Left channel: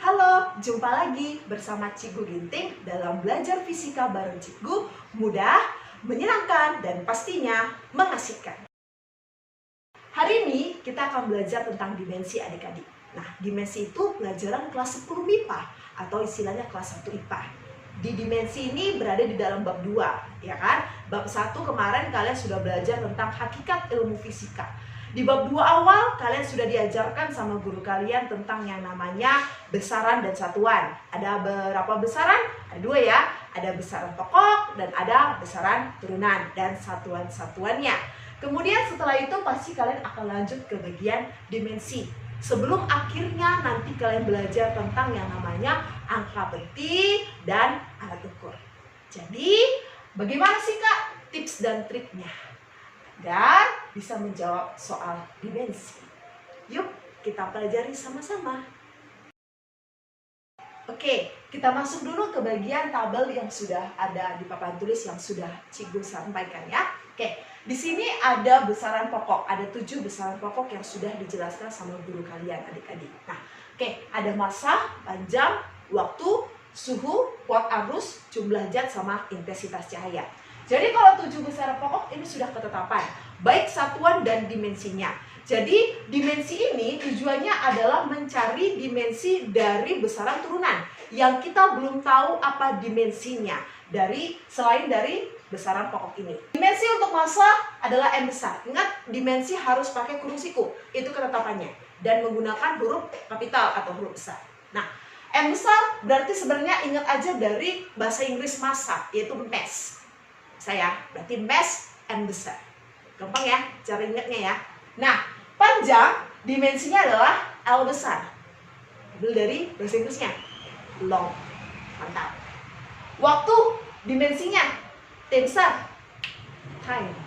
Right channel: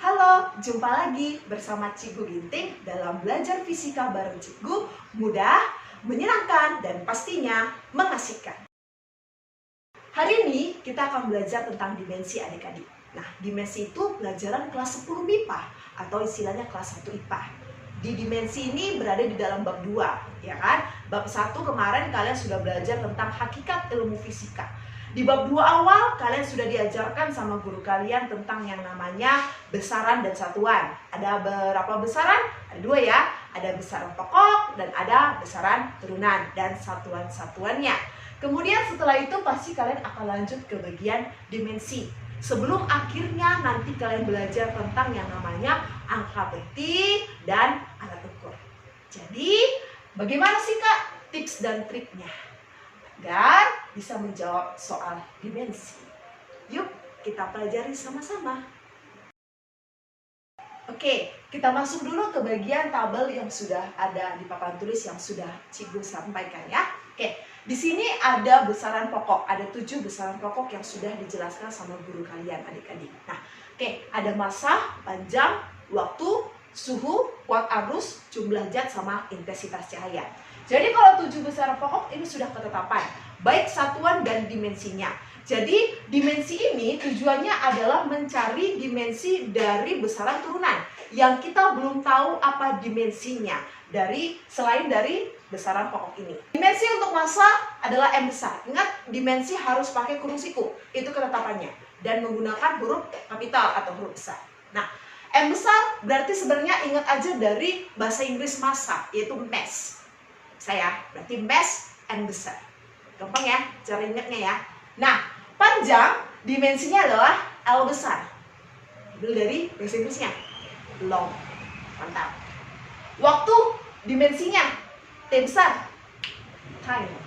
Halo, jumpa lagi bersama Cikgu Ginting dalam belajar fisika bareng Cikgu, mudah, menyenangkan, dan pastinya mengasihkan. Hari ini kita akan belajar tentang dimensi adik-adik. Nah, dimensi itu pelajaran kelas 10 MIPA atau istilahnya kelas 1 IPA. Di dimensi ini berada di dalam bab 2, ya kan? Bab 1 kemarin kalian sudah belajar tentang hakikat ilmu fisika. Di bab 2 awal, kalian sudah diajarkan sama guru kalian tentang yang namanya besaran dan satuan. Ada berapa besaran? Ada 2 ya. Ada besaran pokok dan ada besaran turunan dan satuan-satuannya. Kemudian setelah itu pasti kalian akan lanjut ke bagian dimensi. Sebelum akhirnya nanti kalian belajar tentang yang namanya angka peti dan alat ukur. Jadi, bagaimana sih Kak tips dan triknya agar bisa menjawab soal dimensi? Yuk kita pelajari sama-sama. Oke, kita masuk dulu ke bagian tabel yang sudah ada di papan tulis yang sudah Cikgu sampaikan ya. Oke, di sini ada besaran pokok, ada 7 besaran pokok yang sudah dijelaskan sama guru kalian adik-adik. Nah, oke, ada massa, panjang, waktu, suhu, kuat arus, jumlah zat sama intensitas cahaya. Jadi kalau 7 besaran pokok ini sudah ketetapan, baik satuan dan dimensinya. Jadi dimensi ini tujuannya adalah mencari dimensi dari besaran turunan yang kita belum tahu apa dimensinya selain dari besaran pokok ini. Dimensi untuk massa adalah M besar. Ingat, dimensi harus pakai kurung siku, itu ketetapannya, dan menggunakan huruf kapital atau huruf besar. Nah, M besar berarti sebenarnya ingat aja dari bahasa Inggris massa, yaitu mass. Berarti mass M besar. Gampang ya cara ingatnya ya. Nah, panjang dimensinya adalah L besar. Ambil dari bahasa Inggrisnya, long. Mantap. Waktu dimensinya T besar, time.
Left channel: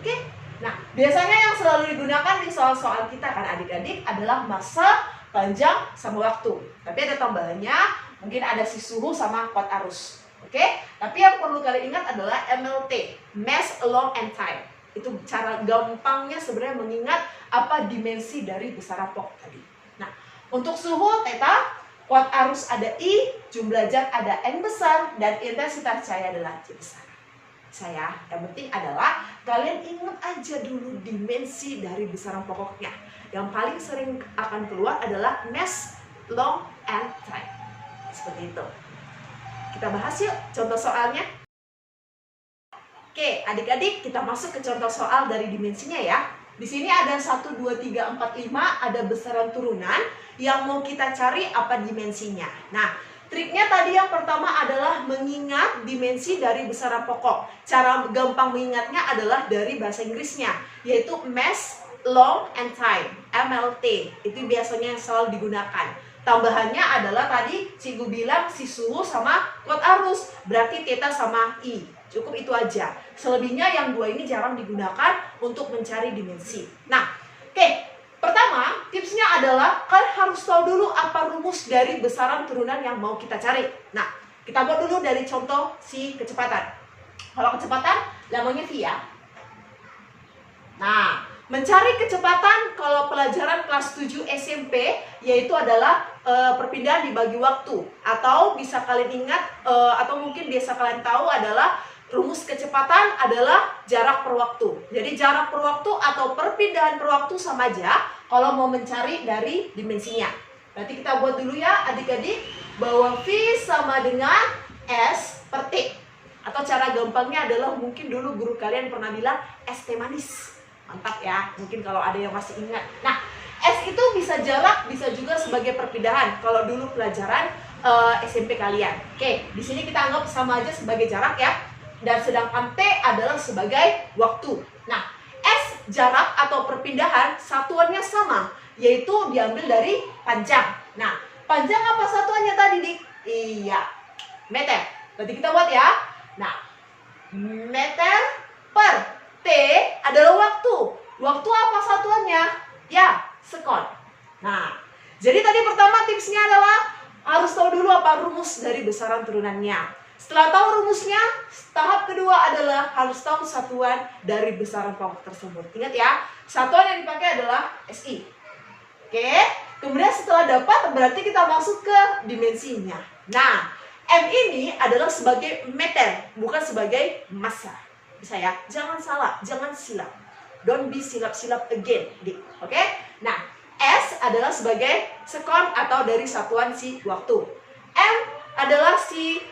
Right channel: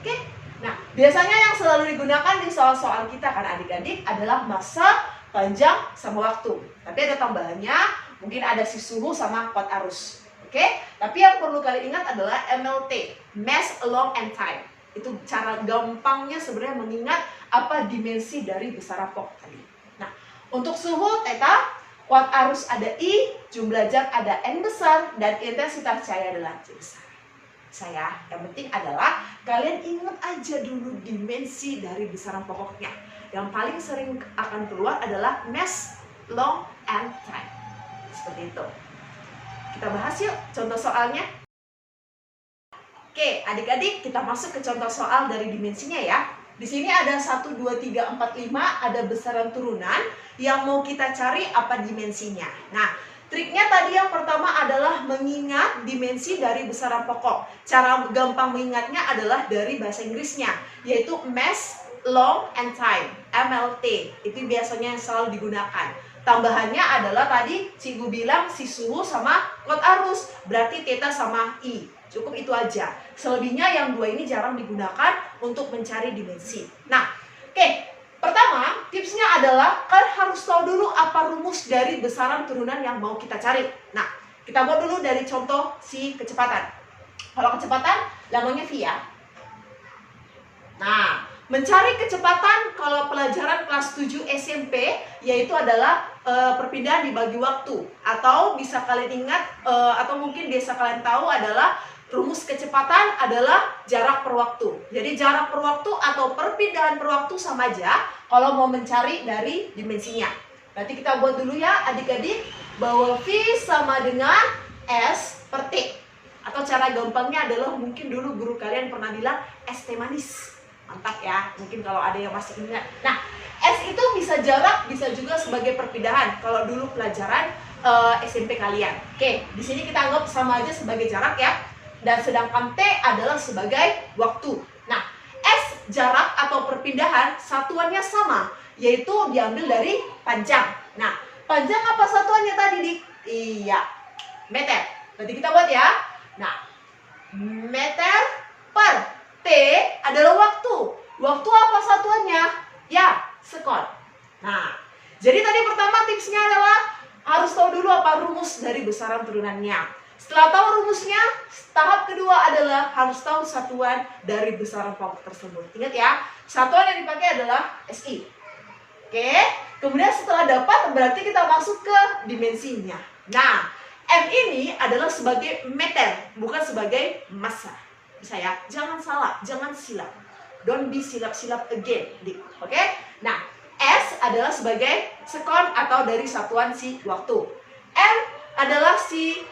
Oke. Nah, biasanya yang selalu digunakan di soal-soal kita kan adik-adik adalah massa, panjang, sama waktu. Tapi ada tambahannya, mungkin ada si suhu sama kuat arus. Oke? Tapi yang perlu kalian ingat adalah MLT, mass, long, and time. Itu cara gampangnya sebenarnya mengingat apa dimensi dari besaran pokok tadi. Nah, untuk suhu theta, kuat arus ada I, jumlah zat ada N besar, dan intensitas cahaya adalah J besar. Yang penting adalah kalian ingat aja dulu dimensi dari besaran pokoknya. Yang paling sering akan keluar adalah mass, long, and time. Seperti itu. Kita bahas yuk contoh soalnya. Oke, adik-adik kita masuk ke contoh soal dari dimensinya ya. Di sini ada 1, 2, 3, 4, 5, ada besaran turunan yang mau kita cari apa dimensinya. Nah, triknya tadi yang pertama adalah mengingat dimensi dari besaran pokok. Cara gampang mengingatnya adalah dari bahasa Inggrisnya, yaitu mass, long, and time, MLT. Itu biasanya yang selalu digunakan. Tambahannya adalah tadi Cikgu bilang si suhu sama kuat arus, berarti theta sama I. Cukup itu aja. Selebihnya yang 2 ini jarang digunakan untuk mencari dimensi. Nah, oke. Pertama, tipsnya adalah kalian harus tahu dulu apa rumus dari besaran turunan yang mau kita cari. Nah, kita buat dulu dari contoh si kecepatan. Kalau kecepatan, namanya V ya. Nah, mencari kecepatan kalau pelajaran kelas 7 SMP, yaitu adalah perpindahan dibagi waktu. Atau bisa kalian ingat, atau mungkin biasa kalian tahu adalah rumus kecepatan adalah jarak per waktu. Jadi jarak per waktu atau perpindahan per waktu sama aja kalau mau mencari dari dimensinya. Nanti kita buat dulu ya adik-adik, bahwa V sama dengan S per T. Atau cara gampangnya adalah mungkin dulu guru kalian pernah bilang S T manis. Mantap ya, mungkin kalau ada yang masih ingat. Nah, S itu bisa jarak, bisa juga sebagai perpindahan. Kalau dulu pelajaran SMP kalian. Oke, di sini kita anggap sama aja sebagai jarak ya. Dan sedangkan T adalah sebagai waktu. Nah, S jarak atau perpindahan satuannya sama, yaitu diambil dari panjang. Nah, panjang apa satuannya tadi, Dik? Iya, meter. Berarti kita buat ya. Nah, meter per T adalah waktu. Waktu apa satuannya? Ya, sekon. Nah, jadi tadi pertama tipsnya adalah harus tahu dulu apa rumus dari besaran turunannya. Setelah tahu rumusnya, tahap kedua adalah harus tahu satuan dari besaran pokok tersebut. Ingat ya, satuan yang dipakai adalah SI. Oke, Kemudian setelah dapat berarti kita masuk ke dimensinya. Nah, M ini adalah sebagai meter, bukan sebagai massa. Bisa ya? Jangan salah, jangan silap. Don't be silap-silap again, Dik. Oke? Nah, S adalah sebagai sekon atau dari satuan si waktu. M adalah si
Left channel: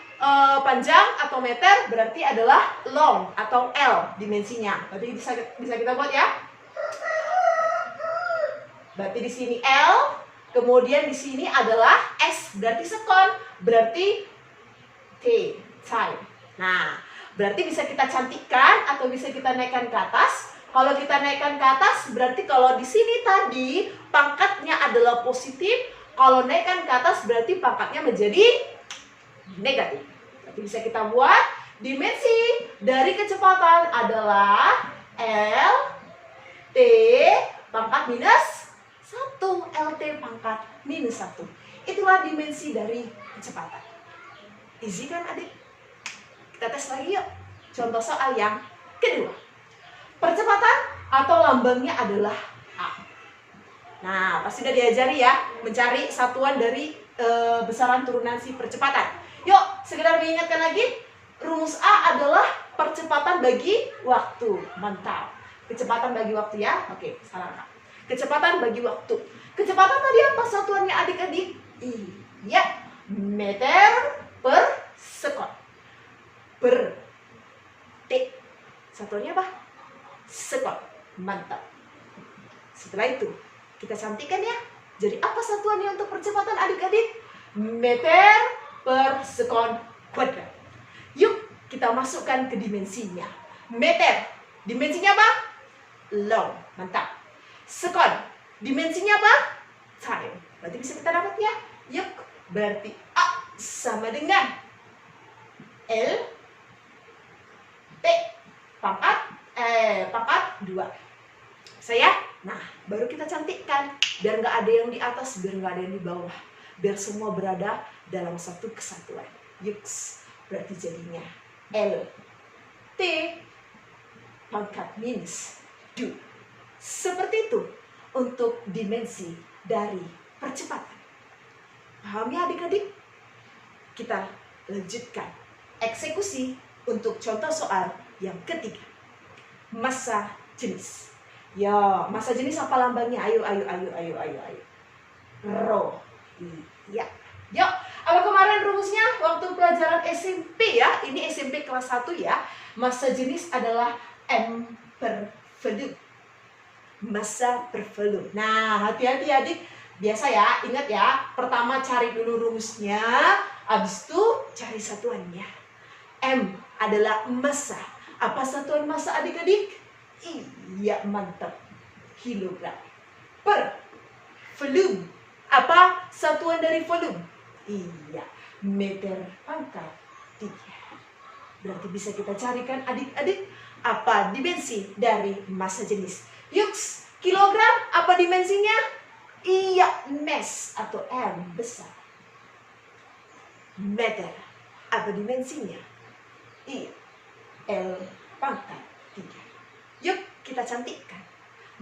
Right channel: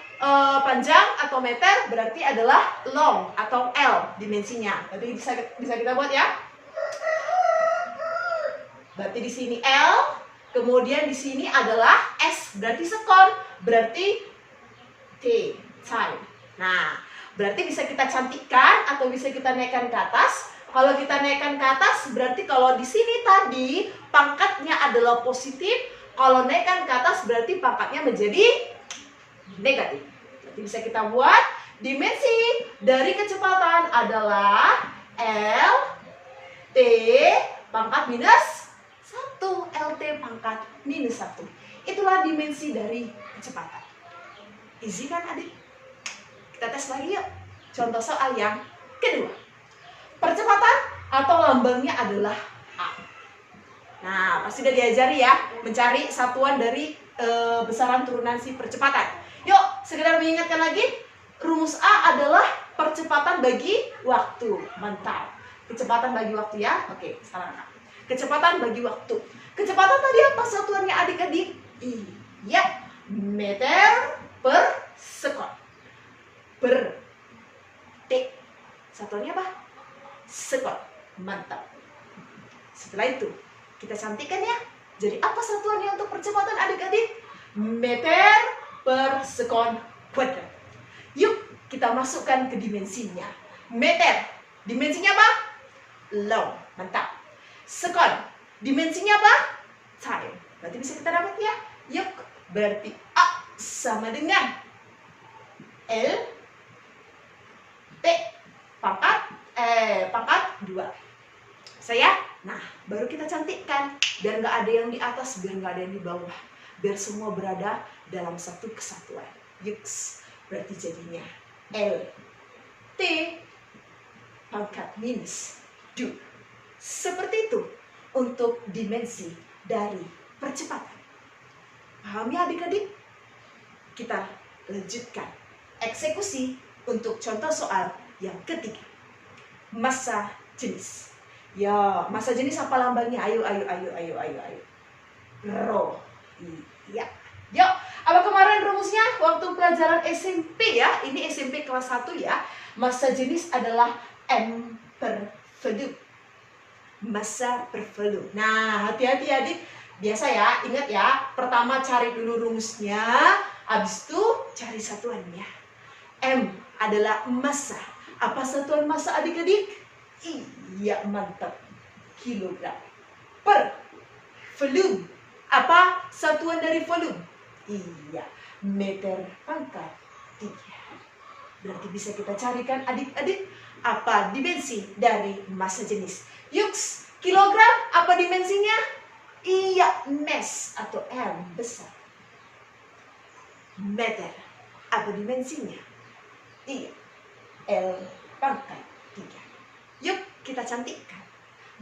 panjang atau meter, berarti adalah long atau L dimensinya. Berarti bisa kita buat ya. Berarti di sini L, kemudian di sini adalah S, berarti sekon, berarti T, time. Nah, berarti bisa kita cantikkan atau bisa kita naikkan ke atas. Kalau kita naikkan ke atas, berarti kalau di sini tadi pangkatnya adalah positif. Kalau naikkan ke atas, berarti pangkatnya menjadi negatif. Berarti bisa kita buat dimensi dari kecepatan adalah L, T, pangkat minus 1, LT pangkat minus 1. Itulah dimensi dari kecepatan. Easy kan adik? Kita tes lagi yuk. Contoh soal yang kedua. Percepatan atau lambangnya adalah A. Nah, pasti udah diajari ya, mencari satuan dari besaran turunan si percepatan. Yuk, sekedar mengingatkan lagi, rumus A adalah percepatan bagi waktu. Mantap. Kecepatan bagi waktu ya. Oke, salah Kak. Kecepatan bagi waktu. Kecepatan tadi apa satuannya adik-adik? Iya, meter per sekon. Per T. Satuannya apa? Sekon. Mantap. Setelah itu, kita cantikkan ya. Jadi apa satuannya untuk percepatan adik-adik? Meter per sekon kuadrat. Yuk, kita masukkan ke dimensinya. Meter. Dimensinya apa? Long. Mantap. Sekon, dimensinya apa? Time. Berarti bisa kita dapat ya. Yuk, berarti A sama dengan L T pangkat 2. Saya, nah baru kita cantikkan biar nggak ada yang di atas, biar nggak ada yang di bawah, biar semua berada dalam satu kesatuan. Yuk, berarti jadinya L T pangkat minus 2. Seperti itu untuk dimensi dari percepatan. Paham ya adik-adik? Kita lanjutkan eksekusi untuk contoh soal yang ketiga. Massa jenis. Ya, massa jenis apa lambangnya? Ayo. Rho. Iya. Yuk, apa kemarin rumusnya waktu pelajaran SMP ya? Ini SMP kelas 1 ya. Massa jenis adalah M per volume. Massa per volume. Nah, hati-hati adik. Biasa ya, ingat ya. Pertama cari dulu rumusnya, habis itu cari satuannya. M adalah massa. Apa satuan massa adik-adik? Iya, mantap. Kilogram. Per volume. Apa satuan dari volume? Iya, meter pangkat 3. Berarti bisa kita carikan adik-adik apa dimensi dari massa jenis. Yuks, kilogram apa dimensinya? Iya, mass atau M besar. Meter apa dimensinya? Iya, L pangkat 3. Yuk, kita cantikkan.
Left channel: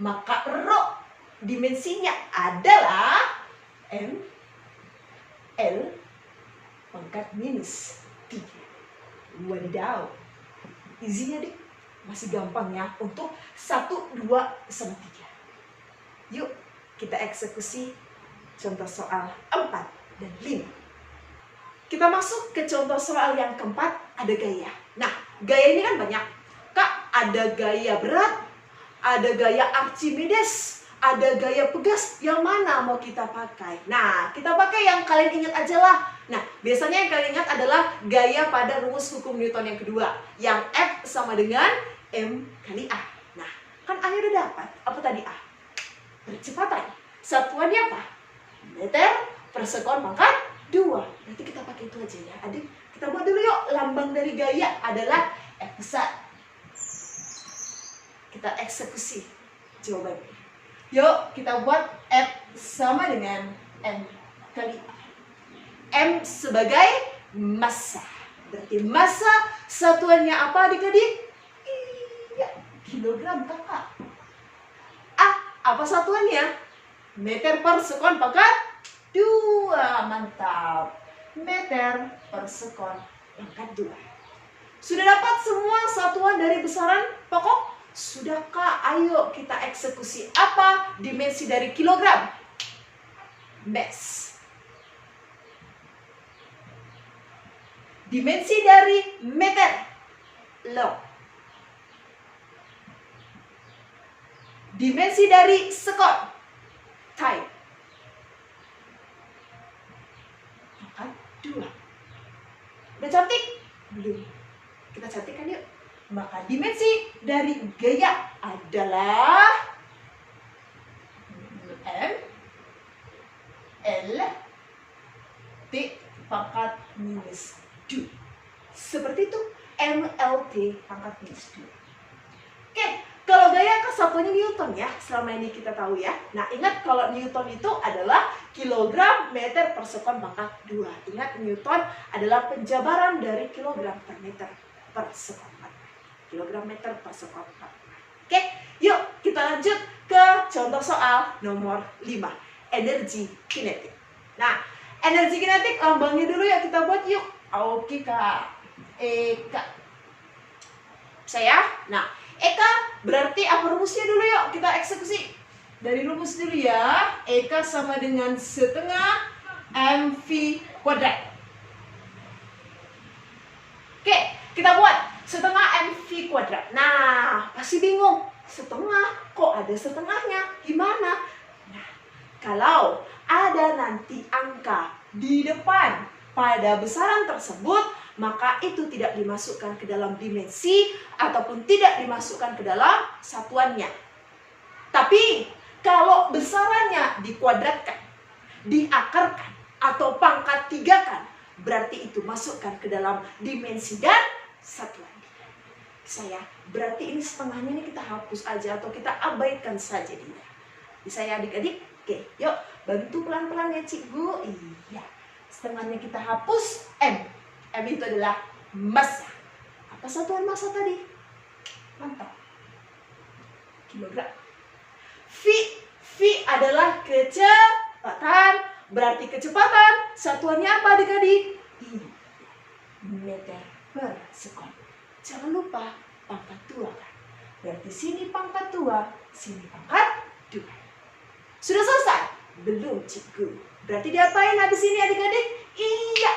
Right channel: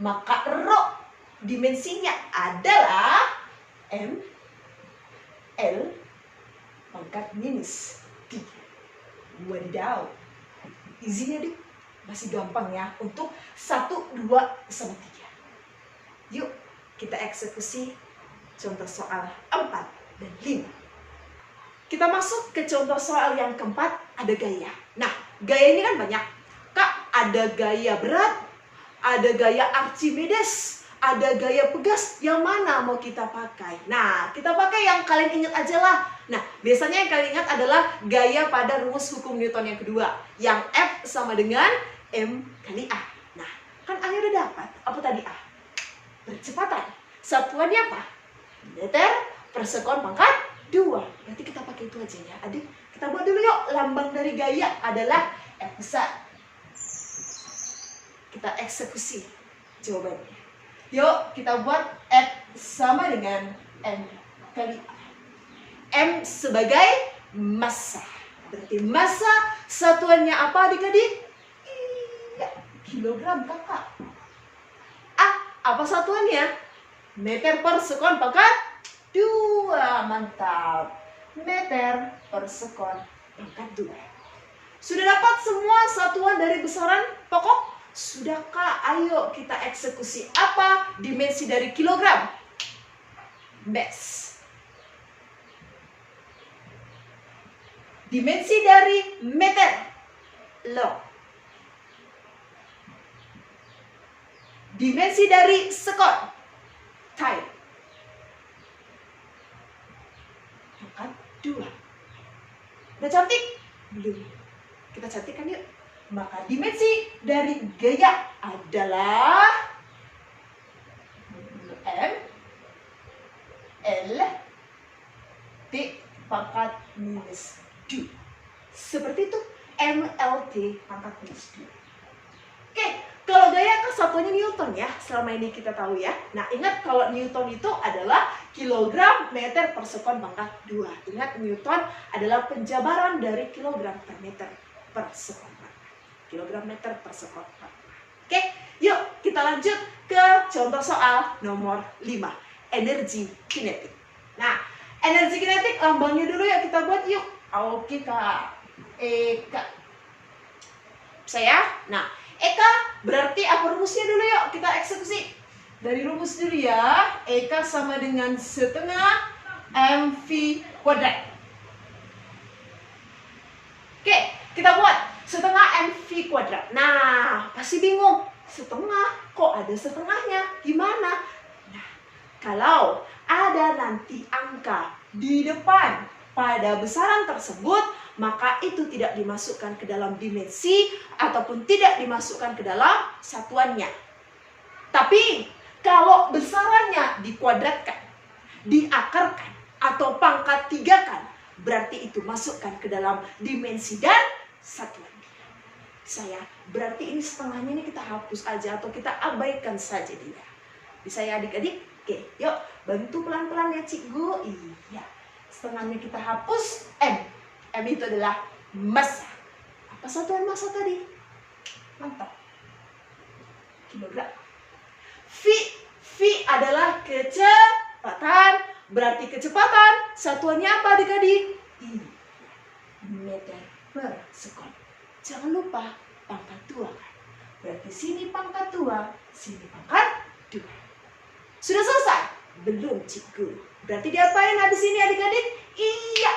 Maka rho dimensinya adalah M L pangkat minus 3. Wadidaw. Izinnya dik. Masih gampang ya untuk 1, 2, sama 3. Yuk kita eksekusi contoh soal 4 dan 5. Kita masuk ke contoh soal yang keempat, ada gaya. Nah, gaya ini kan banyak. Kak, ada gaya berat, ada gaya Archimedes, ada gaya pegas. Yang mana mau kita pakai? Nah, kita pakai yang kalian ingat aja lah. Nah, biasanya yang kalian ingat adalah gaya pada rumus hukum Newton yang kedua. Yang F sama dengan M kali A. Nah, kan A udah dapat. Apa tadi A? Percepatan. Satuannya apa? Meter per sekon pangkat 2. Nanti kita pakai itu aja ya adik. Kita buat dulu yuk. Lambang dari gaya adalah F besar. Kita eksekusi jawabannya. Yuk kita buat F sama dengan M kali A. M sebagai massa. Berarti massa satuannya apa adik-adik? Iya, kilogram kakak. A, apa satuannya? Meter per sekon pangkat 2. Mantap. Meter per sekon pangkat 2. Sudah dapat semua satuan dari besaran pokok? Sudahkah? Ayo kita eksekusi. Apa dimensi dari kilogram? Mes. Dimensi dari meter? Log. Dimensi dari sekon? Time. Pangkat 2. Udah cantik? Belum. Kita cantikkan yuk. Maka dimensi dari gaya adalah M L T pangkat minus 2. Seperti itu, MLT pangkat minus 2. Oke, kalau gaya kan satuannya Newton ya, selama ini kita tahu ya. Nah, ingat kalau Newton itu adalah kilogram meter per sekon pangkat 2. Ingat, Newton adalah penjabaran dari kilogram per meter per sekon. Kilogram meter per sekon. Oke, yuk kita lanjut ke contoh soal nomor 5. Energi kinetik. Nah, energi kinetik lambangnya dulu ya kita buat yuk. Oke Kak. Eka. Saya. Nah, Eka berarti apa rumusnya dulu yuk kita eksekusi. Dari rumus dulu ya. Eka sama dengan setengah mv kuadrat. Oke, kita buat setengah mv kuadrat. Nah, pasti bingung. Setengah, kok ada setengahnya? Gimana? Nah, kalau ada nanti angka di depan pada besaran tersebut, maka itu tidak dimasukkan ke dalam dimensi ataupun tidak dimasukkan ke dalam satuannya. Tapi, kalau besarannya dikuadratkan, diakarkan, atau pangkat 3-kan, berarti itu masukkan ke dalam dimensi dan satuan. Saya berarti ini setengahnya ini kita hapus aja atau kita abaikan saja dia. Bisa ya adik-adik? Oke, yuk bantu pelan-pelan ya cikgu. Iya, setengahnya kita hapus. M itu adalah massa. Apa satuan massa tadi? Mantap. Kilogram. V adalah kecepatan. Berarti kecepatan satuannya apa adik-adik? Meter per sekon. Jangan lupa pangkat 2 kan. Berarti sini pangkat 2, sini pangkat 2. Sudah selesai? Belum cikgu. Berarti diapain habis ini adik-adik? Iya,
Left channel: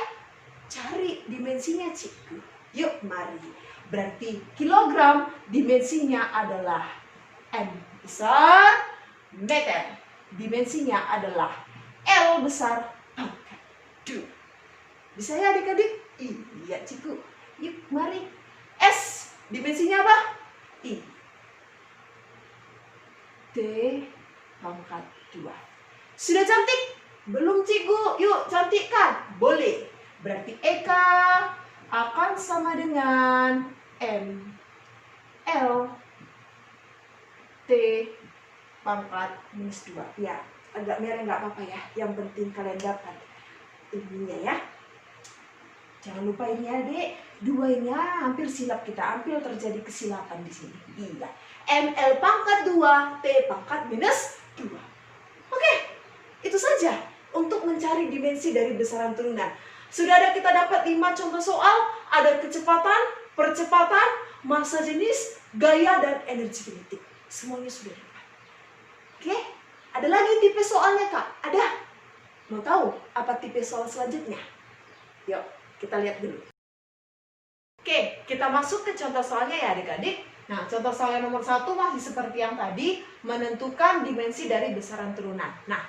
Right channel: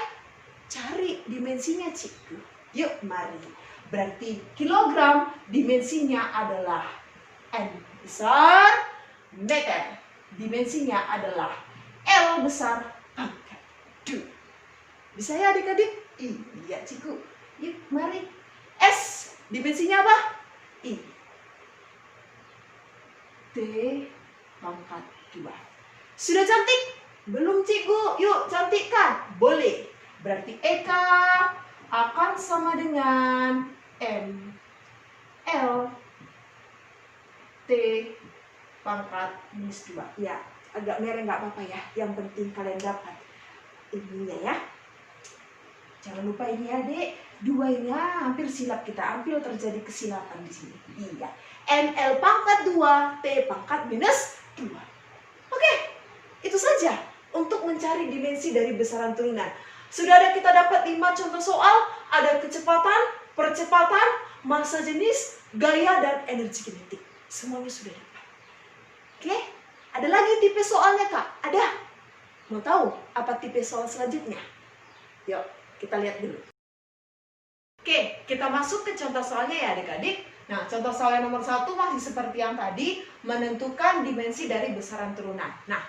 cari dimensinya cikgu. Yuk mari. Berarti kilogram dimensinya adalah M besar meter. Dimensinya adalah L besar pangkat 2. Bisa ya adik-adik? Iya cikgu. Yuk mari. S dimensinya apa? I. T pangkat 2. Sudah cantik? Belum cikgu? Yuk cantikkan. Boleh. Berarti Eka akan sama dengan M L T pangkat minus 2. Ya, agak merah nggak apa-apa ya. Yang penting kalian dapat ininya ya. Jangan lupa ini adik, 2-nya hampir silap kita, hampir terjadi kesilapan di sini. Iya, ML pangkat 2, T pangkat minus 2. Oke, itu saja untuk mencari dimensi dari besaran turunan. Sudah ada kita dapat 5 contoh soal, ada kecepatan, percepatan, massa jenis, gaya, dan energi kinetik. Semuanya sudah dapat. Oke, ada lagi tipe soalnya Kak? Ada? Mau tahu apa tipe soal selanjutnya? Yuk, kita lihat dulu. Oke, kita masuk ke contoh soalnya ya adik-adik. Nah, contoh soal yang nomor 1 masih seperti yang tadi, menentukan dimensi dari besaran turunan. Nah,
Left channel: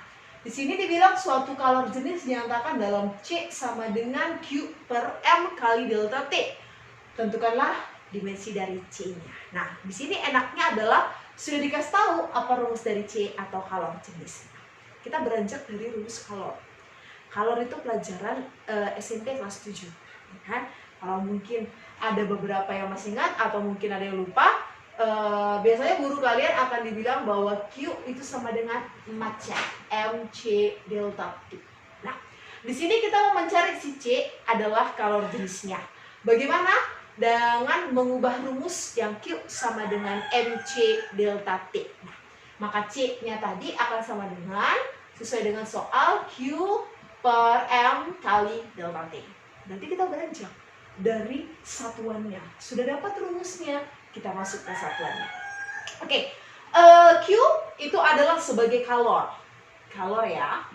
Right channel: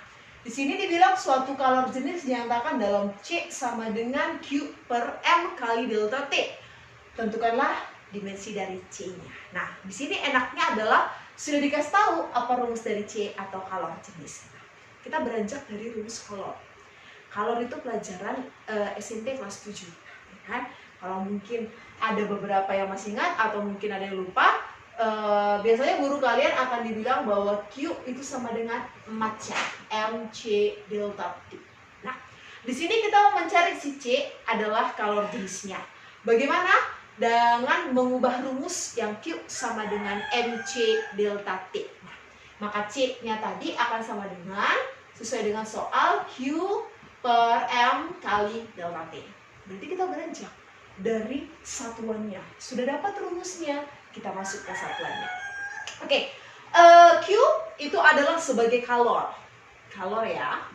di sini dibilang suatu kalor jenis dinyatakan dalam C sama dengan Q per M kali delta T. Tentukanlah dimensi dari C-nya. Nah, di sini enaknya adalah sudah dikasih tahu apa rumus dari C atau kalor jenis. Nah, kita beranjak dari rumus kalor. Kalor itu pelajaran SMP kelas 7, ya kan? Kalau mungkin ada beberapa yang masih ingat atau mungkin ada yang lupa, biasanya guru kalian akan dibilang bahwa Q itu sama dengan massa MC delta T. Nah, di sini kita mau mencari si C adalah kalor jenisnya. Bagaimana? Dengan mengubah rumus yang Q sama dengan MC delta T. Nah, Maka C-nya tadi akan sama dengan, sesuai dengan soal, Q per M kali delta T. Berarti kita beranjak dari satuannya. Sudah dapat rumusnya, kita masuk ke satuannya. Oke, Q itu adalah sebagai kalor. Kalor ya.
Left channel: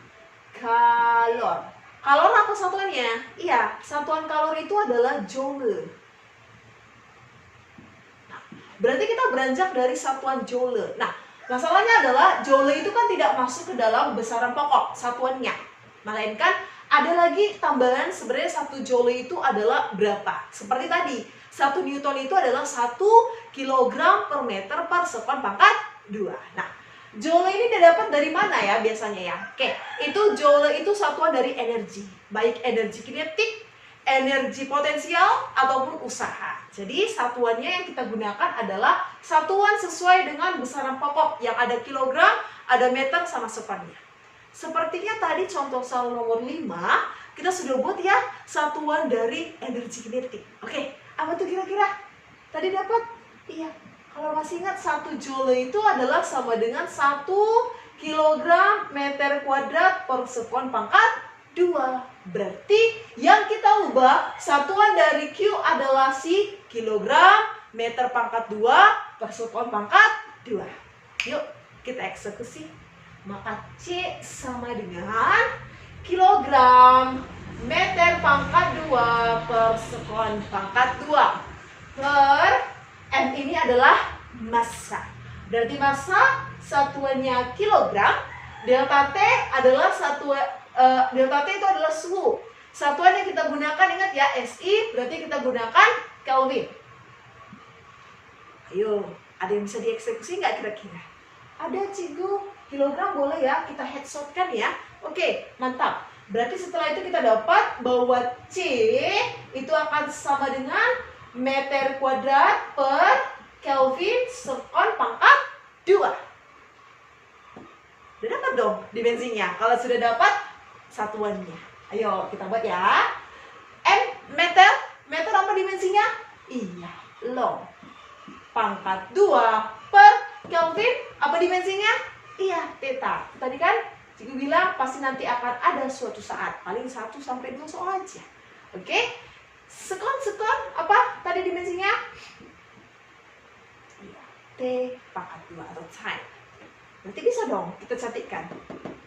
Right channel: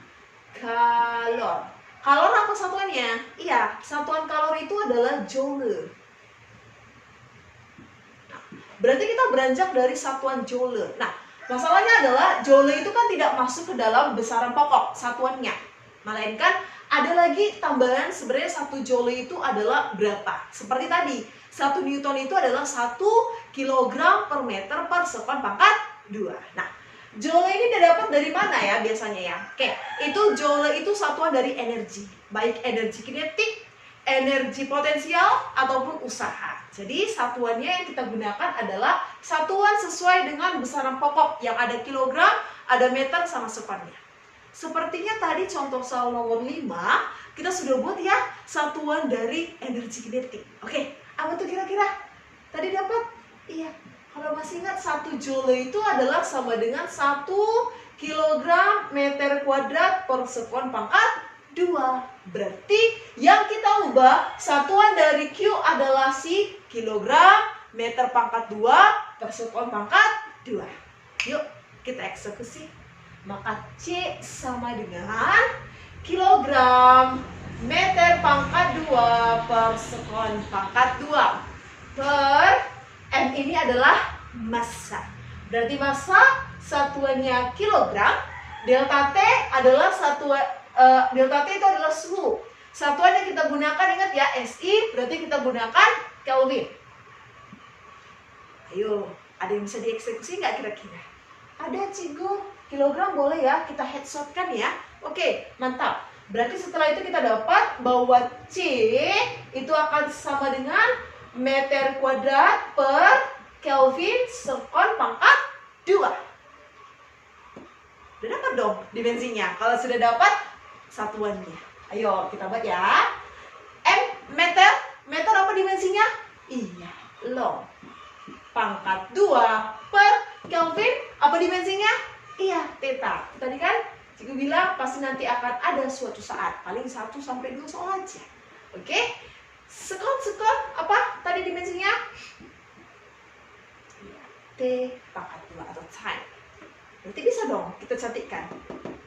Kalor. Kalor apa satuannya? Iya, satuan kalor itu adalah joule. Nah, berarti kita beranjak dari satuan joule. Nah, masalahnya adalah joule itu kan tidak masuk ke dalam besaran pokok satuannya. Melainkan ada lagi tambahan, sebenarnya 1 joule itu adalah berapa? Seperti tadi, 1 Newton itu adalah 1 kg per meter per sekon pangkat 2. Nah, joule ini didapat dari mana ya biasanya ya? Oke, itu joule itu satuan dari energi. Baik energi kinetik, energi potensial, ataupun usaha. Jadi satuannya yang kita gunakan adalah satuan sesuai dengan besaran pokok yang ada kilogram, ada meter, sama sekonnya. Sepertinya tadi contoh soal nomor 5, kita sudah buat ya satuan dari energi kinetik. Oke, apa tuh kira-kira? Tadi dapat? Iya. Kalau masih ingat 1 joule itu adalah sama dengan 1 kilogram meter kuadrat per sekon pangkat 2. Berarti yang kita ubah satuan dari Q adalah si kilogram meter pangkat 2 per sekon pangkat 2. Yuk kita eksekusi. Maka C sama dengan kilogram meter pangkat 2 per sekon pangkat 2 per M ini adalah massa. Berarti massa satuannya kilogram, delta T adalah delta T itu adalah suhu. Satuan yang kita gunakan, ingat ya, SI, berarti kita gunakan Kelvin. Ayo, ada yang bisa dieksekusi nggak kira-kira? Ada, Cigu. Kilogram boleh ya, kita headshot kan ya. Oke, mantap. Berarti setelah itu kita dapat bahwa C itu akan sama dengan meter kuadrat per Kelvin sekon pangkat 2. Udah dapat dong dimensinya. Kalau sudah dapat satuannya, ayo kita buat ya. M meter, meter apa dimensinya? Iya, long. Pangkat 2 per Kelvin apa dimensinya? Iya, theta. Tadi kan Cikgu bilang pasti nanti akan ada suatu saat, paling 1 sampai 2 soal aja. Oke? Sekon apa tadi dimensinya? T pangkat 2 atau time. Berarti bisa dong kita cantikkan.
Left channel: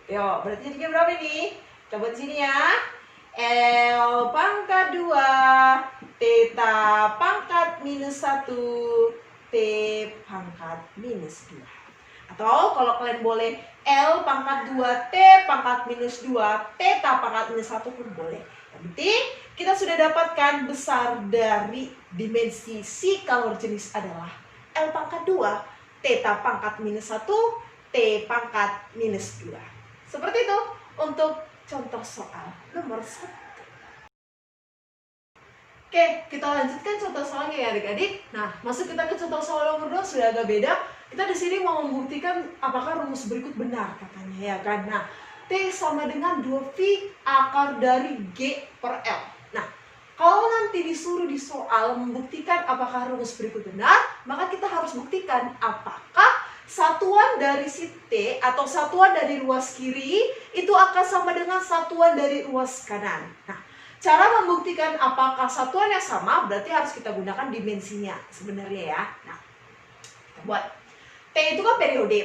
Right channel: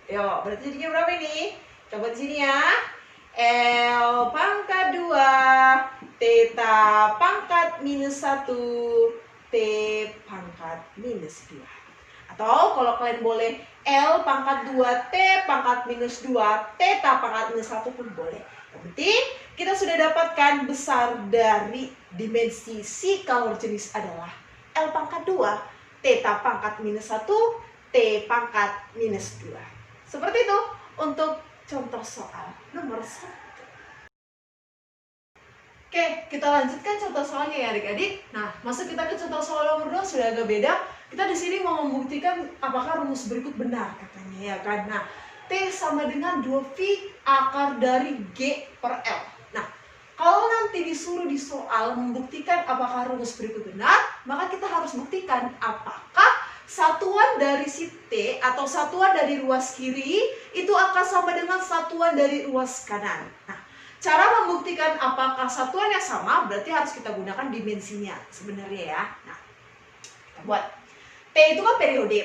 Yo, berarti jadinya berapa ini? Coba di sini ya. L pangkat 2, theta pangkat minus 1, T pangkat minus 2. Atau kalau kalian boleh L pangkat 2, T pangkat minus 2, theta pangkat minus 1 pun boleh. Yang penting kita sudah dapatkan besar dari dimensi si kalor jenis adalah L pangkat 2, theta pangkat minus 1, T pangkat minus 2. Seperti itu untuk contoh soal nomor 1. Oke, kita lanjutkan contoh soalnya ya adik-adik. Nah, masuk kita ke contoh soal nomor 2 sudah agak beda. Kita di sini mau membuktikan apakah rumus berikut benar katanya ya kan. Nah, T sama dengan 2V akar dari G per L. Nah, kalau nanti disuruh di soal membuktikan apakah rumus berikut benar, maka kita harus buktikan apakah satuan dari si T atau satuan dari ruas kiri itu akan sama dengan satuan dari ruas kanan. Nah, cara membuktikan apakah satuannya sama berarti harus kita gunakan dimensinya sebenarnya ya. Nah, kita buat T itu kan periode.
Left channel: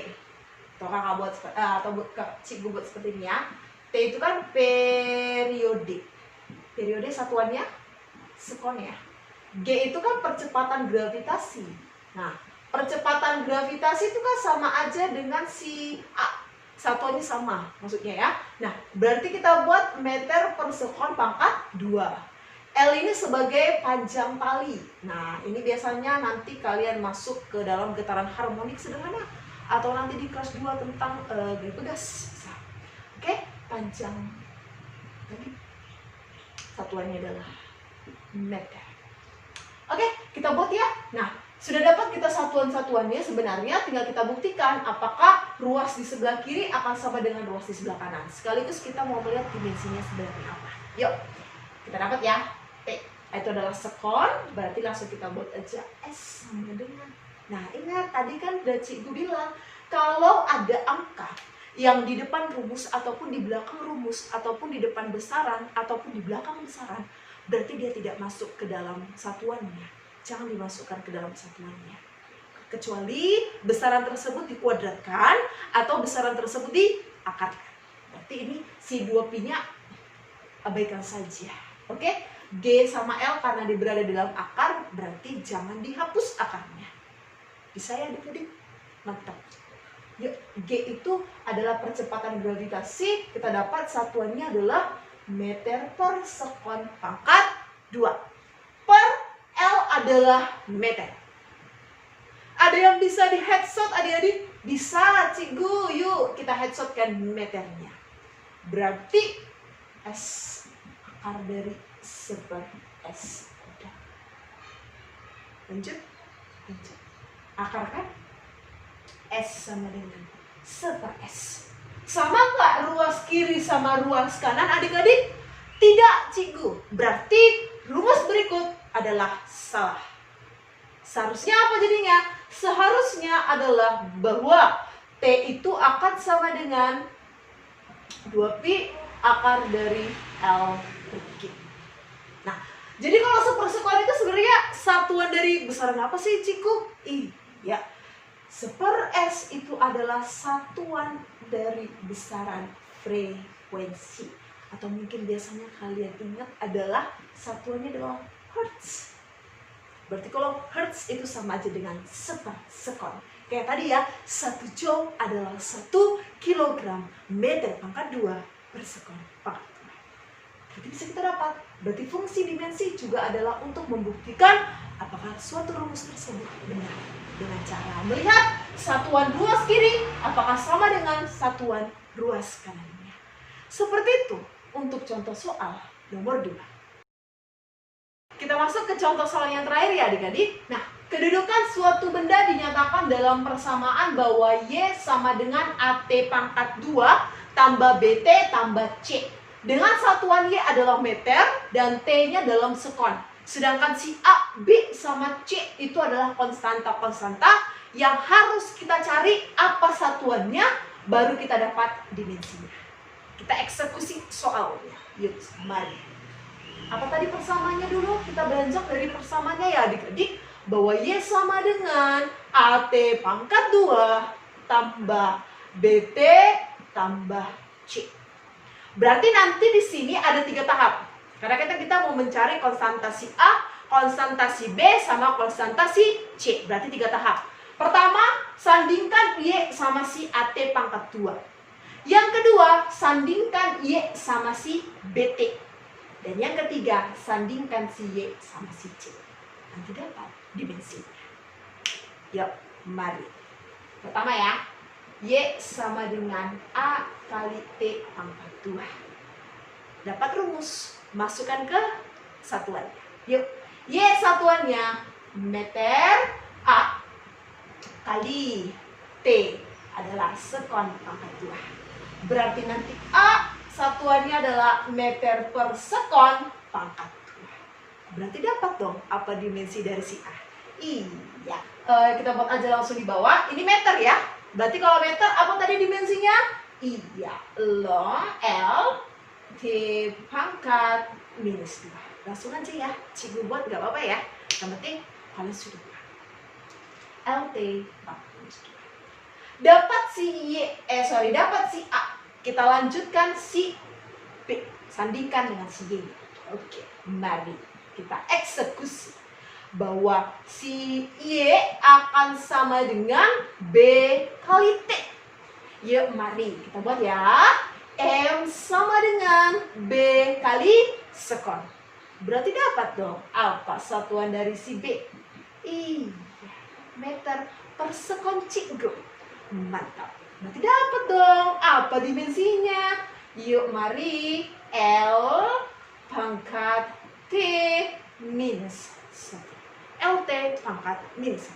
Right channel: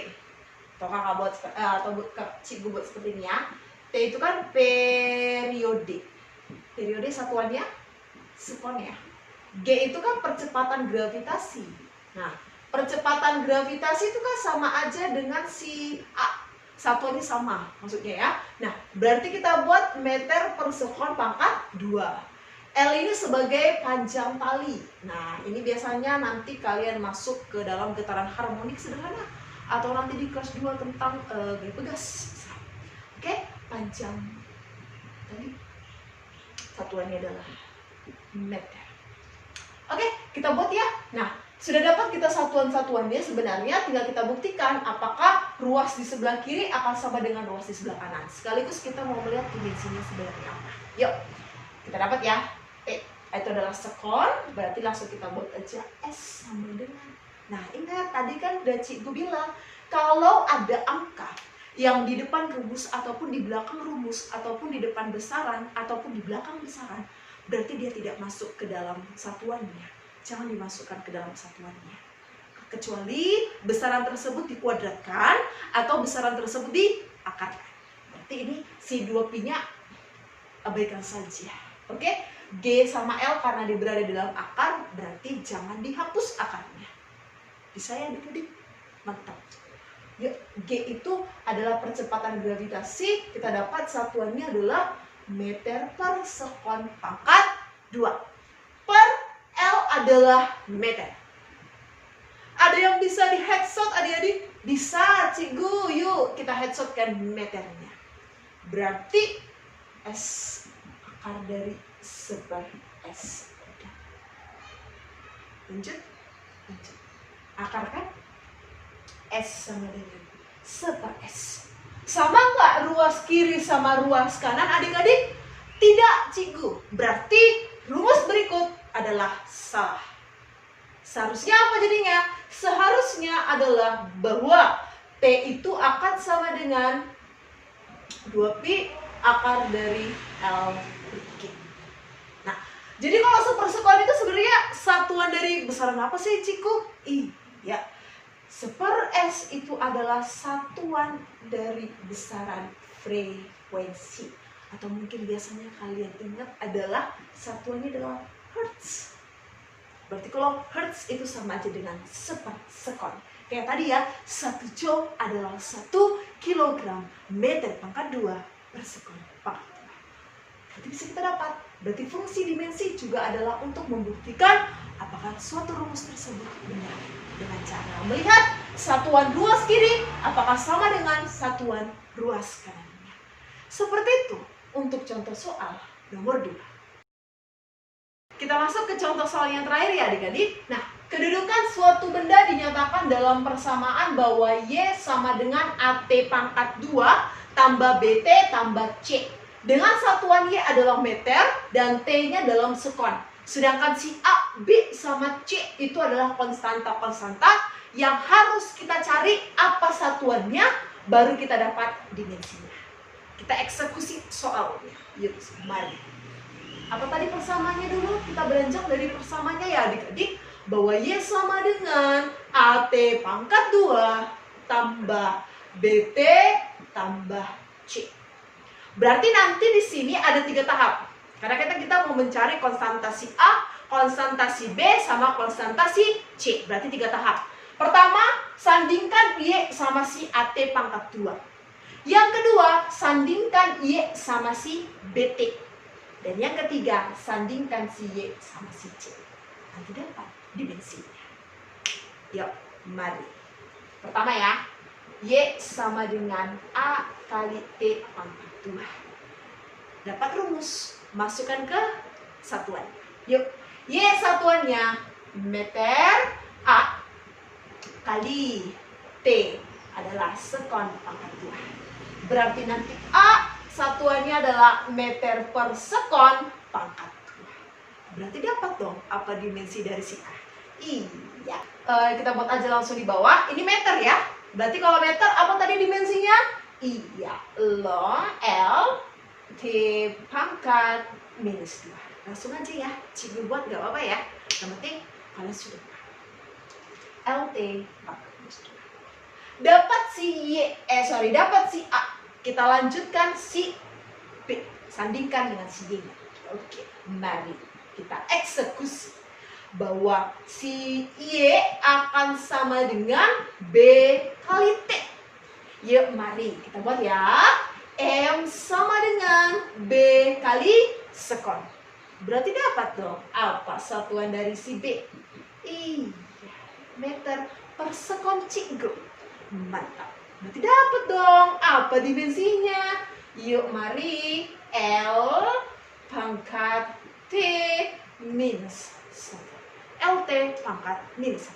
Atau kakak buat atau Cikgu buat seperti ini ya. T itu kan periode. Periode satuannya sekon ya. G itu kan percepatan gravitasi. Nah, percepatan gravitasi itu kan sama aja dengan si A. Satuannya sama maksudnya ya. Nah, berarti kita buat meter per sekon pangkat 2. L ini sebagai panjang tali. Nah, ini biasanya nanti kalian masuk ke dalam getaran harmonik sederhana atau nanti di kelas 2 tentang gaya pegas. Oke, panjang tali. Satuannya adalah meter. Oke, kita buat ya. Nah, sudah dapat kita satuan-satuannya, sebenarnya tinggal kita buktikan apakah ruas di sebelah kiri akan sama dengan ruas di sebelah kanan. Sekaligus kita mau melihat dimensinya sebenarnya apa. Yuk, kita dapat ya. T itu adalah sekon, berarti langsung kita buat aja S sama dengan. Nah, ingat tadi kan udah Cikgu bilang kalau ada angka yang di depan rumus ataupun di belakang rumus ataupun di depan besaran ataupun di belakang besaran, berarti dia tidak masuk ke dalam satuannya. Jangan dimasukkan ke dalam satuannya. Kecuali besaran tersebut dikuadratkan atau besaran tersebut diakarkan. Berarti ini si 2pi-nya abaikan saja. Oke? G sama L karena dia berada dalam akar, berarti jangan dihapus akarnya. Bisa ya adik-adik? Mantap. Ya, G itu adalah percepatan gravitasi. Kita dapat satuannya adalah meter per sekon pangkat 2. Per L adalah meter. Ada yang bisa di headshot adik-adik? Bisa, cikgu. Yuk kita headshotkan meternya. Berarti S akar dari seper S. Udah. Lanjut. Akar kan? S sama dengan seper S. Sama nggak ruas kiri sama ruas kanan adik-adik? Tidak, cikgu. Berarti rumus berikut adalah salah. Seharusnya apa jadinya? Seharusnya adalah bahwa T itu akan sama dengan 2pi akar dari L per G. Nah, jadi kalau sepersekon itu sebenarnya satuan dari besaran apa sih, Ciku? Iya. Seper S itu adalah satuan dari besaran frekuensi. Atau mungkin biasanya kalian ingat adalah satuannya adalah Hertz. Berarti kalau Hertz itu sama aja dengan sepersekon. Kayak tadi ya, 1 joule adalah 1 kilogram meter pangkat 2 per sekon pangkat 2. Berarti bisa kita dapat. Berarti fungsi dimensi juga adalah untuk membuktikan apakah suatu rumus tersebut benar. Dengan cara melihat satuan ruas kiri apakah sama dengan satuan ruas kanannya. Seperti itu untuk contoh soal nomor 2. Kita masuk ke contoh soal yang terakhir ya adik-adik. Nah, kedudukan suatu benda dinyatakan dalam persamaan bahwa Y sama dengan AT pangkat 2 tambah BT tambah C. Dengan satuan Y adalah meter dan T-nya dalam sekon. Sedangkan si A, B, sama C itu adalah konstanta-konstanta yang harus kita cari apa satuannya, baru kita dapat dimensinya. Kita eksekusi soalnya. Yuk, mari. Apa tadi persamaannya dulu? Kita beranjak dari persamaannya ya adik-adik. Bahwa Y sama dengan AT pangkat 2 tambah BT tambah C. Berarti nanti di sini ada 3 tahap. Karena kita mau mencari konstantasi A, konstantasi B, sama konstantasi C. Berarti 3 tahap. Pertama, sandingkan Y sama si AT pangkat 2. Yang kedua, sandingkan Y sama si BT. Dan yang ketiga, sandingkan si Y sama si C. Nanti dapat dimensinya. Yuk, mari. Pertama ya, Y sama dengan A kali T pangkat 2. Dapat rumus. Masukkan ke satuannya. Yuk, Y satuannya meter, A kali T adalah sekon pangkat 2. Berarti nanti A satuannya adalah meter per sekon pangkat 2. Berarti dapat dong apa dimensi dari si A? Iya. Kita buat aja langsung di bawah. Ini meter ya. Berarti kalau meter apa tadi dimensinya? Iya, long L T pangkat minus 2. Langsung aja ya, cikgu buat gak apa-apa ya. Yang penting kalian sudah LT pangkat minus 2. Dapat dapat si A. Kita lanjutkan si B. Sandingkan dengan si Y. Oke, mari kita eksekusi. Bahwa si Y akan sama dengan B kali T. Yuk, mari kita buat ya. M sama dengan B kali sekon. Berarti dapat dong apa satuan dari si B? Iya, meter per sekon cikgu. Mantap. Berarti dapat dong apa dimensinya? Yuk mari L pangkat T minus 1. LT pangkat minus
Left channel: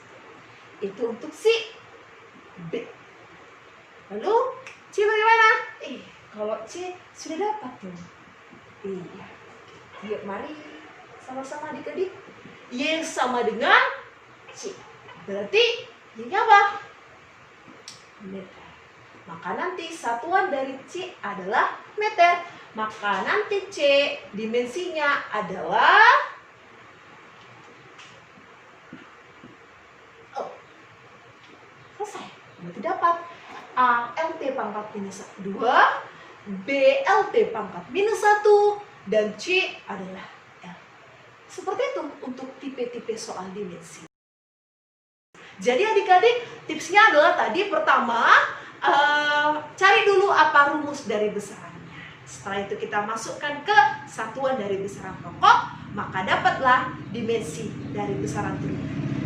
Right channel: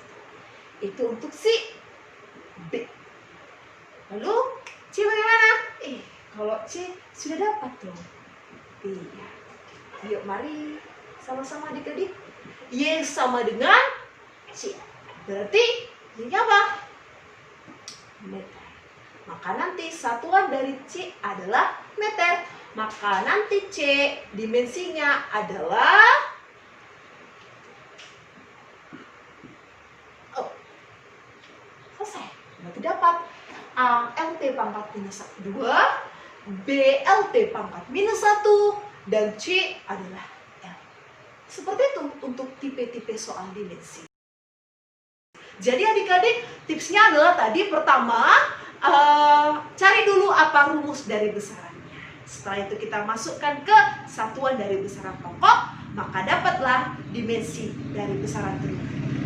1. Itu untuk si B. Lalu C bagaimana? Kalau C sudah dapat dong. Iya. Yuk mari sama-sama adik-adik. Y sama dengan C. Berarti Y apa? meter. Maka nanti satuan dari C adalah meter. Maka nanti C dimensinya adalah selesai. Berarti dapat A LT pangkat minus 2, B LT pangkat minus 1, dan C adalah L. Seperti itu untuk tipe-tipe soal dimensi. Jadi adik-adik, tipsnya adalah tadi pertama, cari dulu apa rumus dari besarannya. Setelah itu kita masukkan ke satuan dari besaran pokok, maka dapatlah dimensi dari besaran truk.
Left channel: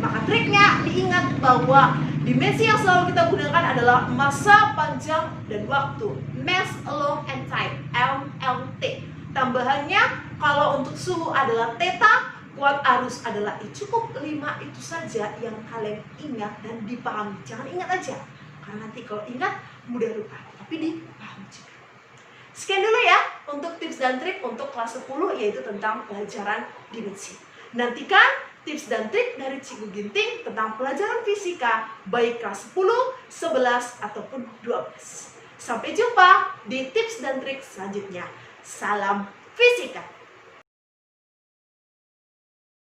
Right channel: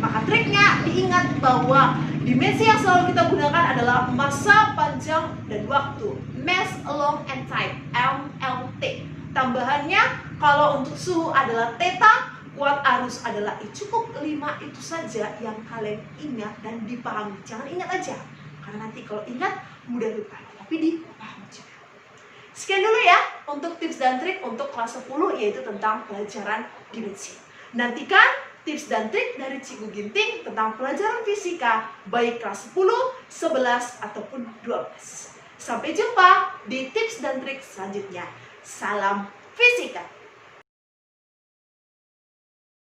Maka triknya diingat bahwa dimensi yang selalu kita gunakan adalah masa panjang dan waktu, mass, long, and time, MLT. Tambahannya kalau untuk suhu adalah theta, kuat arus adalah I. Cukup 5 itu saja yang kalian ingat dan dipahami. Jangan ingat aja, karena nanti kalau ingat mudah lupa, tapi dipahami juga. Sekian dulu ya untuk tips dan trik untuk kelas 10, yaitu tentang pelajaran dimensi. Nantikan tips dan trik dari Cikgu Ginting tentang pelajaran fisika, baik kelas 10, 11, ataupun 12. Sampai jumpa di tips dan trik selanjutnya. Salam fisika!